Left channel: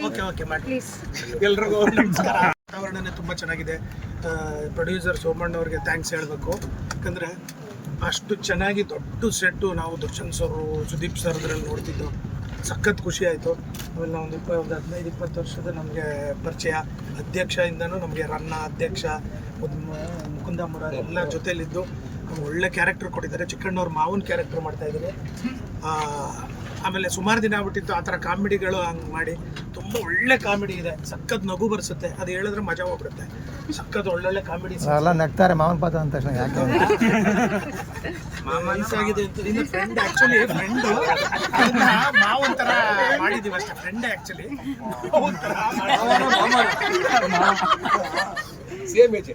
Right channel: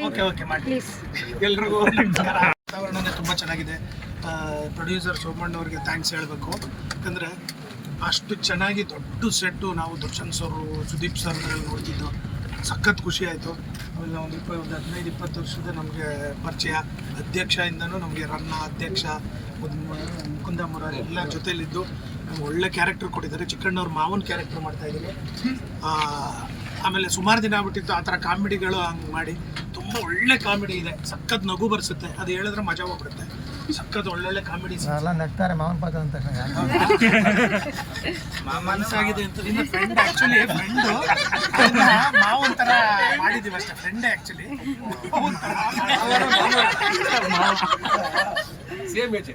Okay ಮಾಡಿ. ಎಲ್ರಿಗೂ ನಮಸ್ಕಾರ. ವಾತಾವರಣನೇ ತುಂಬ ಚೆನ್ನಾಗಿದೆ. ಪ್ರೊಡ್ಯೂಸರ್ ಸೋಮಣ್ಣ ಅವ್ರಿಗೆ ಥ್ಯಾಂಕ್ಸ್ ಹೇಳಬೇಕು. ಯಾಕಂದರೆ ಅಷ್ಟು ಚೆನ್ನಾಗಿ ದೊಡ್ಡ ಸೆಟ್ಟು ನಾವು ದರ್ಶನ್ ಸರ್, ಸುದೀಪ್ ಸರ್ ಅದರಲ್ಲಿ ನೋಡ್ತಿದ್ದು ಸಖತ್ ಖುಷಿ ಆಯಿತು. ಆಮೇಲೆ ಒಂದು 15-20 ವರ್ಷದ ನಮಗೆ ಪರಿಚಯ. ಅಧ್ಯಕ್ಷದಿಂದನೂ ನಮಗೆ ರನ್ನ ಅಧ್ಯಕ್ಷ ಮುಕುಂದ ಮುರಾರಿ ಎಲ್ಲ ಜೊತೆಯಲ್ಲಿದ್ದು ನಮ್ಗೆ ಒಳ್ಳೆ ಕ್ಯಾರೆಕ್ಟರ್ ಕೊಟ್ಟಿದ್ದಾರೆ. ಚಿಕ್ಕಣ್ಣವ್ರ ಮಾವನ ಕ್ಯಾರೆಕ್ಟರ್ ಮಾಡ್ತಾಯಿದ್ದೀನಿ. ಆಮೇಲೆ ಸುಮಾರು ದಿನ ಆಗ್ಬಿಟ್ಟಿತ್ತು ಆ ಥರ ಕಾಮಿಡಿಗಳು ಹಂಗೆ ಮಾಡಿ. ತುಂಬ ಒಳ್ಳೆ ಕಾಮಿಡಿ ಇದೆ, ಸಖತ್ ನಗು ಬರ್ಸುತ್ತೆ. ಅದು ಹೇಳಿದ್ರೆ ಮಜಾ ಹೋಗ್ಬಿಡುತ್ತೆ. ಸಖತ್ ಒಳ್ಳೊಳ್ಳೆ ಕಾಮಿಡಿ ಎಲ್ಲ ನಗ್ತಾರೆ. ಮಾವನ ಪಾತ್ರ ಅಂತ ಮನಸ್ಸಾಗಿದೆ ಅಂತ ಇನ್ನು ಫ್ರೆಂಡ್ ಆ್ಯಕ್ಚುಲಿ ಫ್ರೆಂಡು ಮಾವನ್ ಥರ ಮಾಡಿದ್ದೀವಿ ಅಷ್ಟೇ. ಫ್ರೆಂಡೇ ಆ್ಯಕ್ಚುಲಿ ಮಾವನ್ ಥರ ಸೇಮ್ ಏಜ್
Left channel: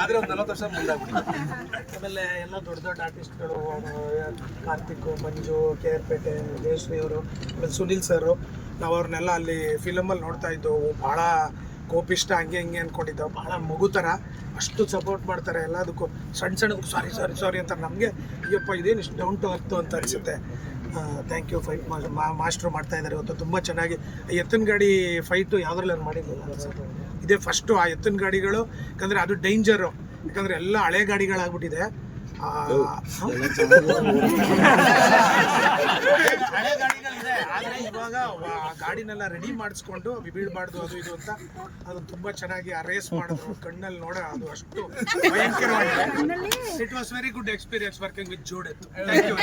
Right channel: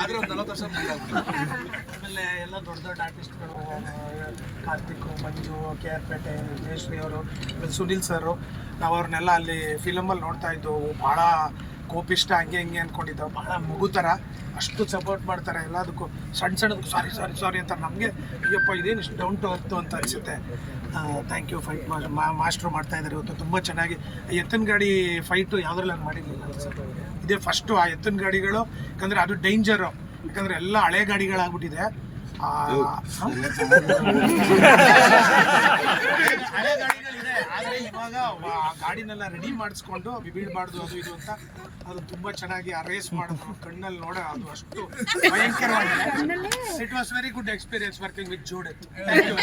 ಆದರೆ ಒಂದು 40 ವರ್ಷ ಮುಂದಾಗ್ಬಿಟ್ಟು. ಆಮೇಲೆ ಎಲ್ಲ ದೊಡ್ಡ ದೊಡ್ಡ ಆರ್ಟಿಸ್ಟ್ಗಳು, ಕಾರ್ತಿಕ್, ಮಂಜು, KR ಪೇಟೆ, ಜಯಶ್ರೀ ಅವರು, ಆಮೇಲೆ ಸುನಿಲ್ ಸರು, ನಾವು ಅವ್ರನ್ನೆಲ್ಲ ಅಲ್ಲಿ ಫಿಲಮಲ್ಲಿ ನೋಡ್ತಾ ಇದ್ದವು. ಭಾಳ ಕೋಪಿಷ್ಟ ಹಂಗೆ ಹಿಂಗೆ ಅಂದ್ಕೊಂಡಿದ್ದೆವು. ಭಾಳ ಮಗು ಥರ ಅಷ್ಟು ಸಪೋರ್ಟ್ ಮಾಡ್ತಾರೆ ಎಲ್ಲದಕ್ಕೂ. ಸಣ್ಣದಕ್ಕೂ ಸಾರಿ ಅಂತ ನಮಗೆ ಅಯ್ಯಪ್ಪ ಇದೇನು ಇಷ್ಟು ಡೌನ್ ಟು ಅರ್ತು ಅಂತ ಅನಿಸುತ್ತೆ. Thank you. ಫೈಟ್ ಮಾಸ್ಟ್ರು ಮಾಡ್ತಾಯಿದ್ದಾರೆ ಇವತ್ತು ತುಂಬ ಚೆನ್ನಾಗಿ. ಎತ್ತಿನ ಗಾಡಿ ಫೈಟು ಯಾವುದ್ರಲ್ಲಿ ನಾನು ಮಾಡಿರಲಿಲ್ಲ, ಇದೇ ಫಸ್ಟು. ಆ ಎತ್ತಿನ ಗಾಡಿಗಳು ಯಾಕಂದರೆ ಅದು ಡೇಂಜರು, ಯಾಕಂದರೆ ಎಲ್ಲ ಹಳೆ ಗಾಡಿಗಳಾಗ್ಬಿಟ್ಟಿದೆ. ಹಳೆ ಗಾಡಿಗಳಿದೆ, ಆದರೆ ಇವಾಗ ಆ ಗಾಡಿನೆಲ್ಲ ರೆಡಿ ಮಾಡಿಸ್ಕೊಂಡು ಬೀಳ್ಬಾರ್ದು ಅದು ಇದು ಅಂತ ಅದು ತುಂಬ ಚೆನ್ನಾಗಿ ಆ ರೇಸ್ ಮಾಡಿದ್ರು. ಕಣ್ಣಲ್ಲಿ ನೋಡ ಅದು ಅಷ್ಟು ಭಯಂಕರವಾಗಿದೆ. It was very good experience working with ಜೋಡೆತ್ತು. Thank you.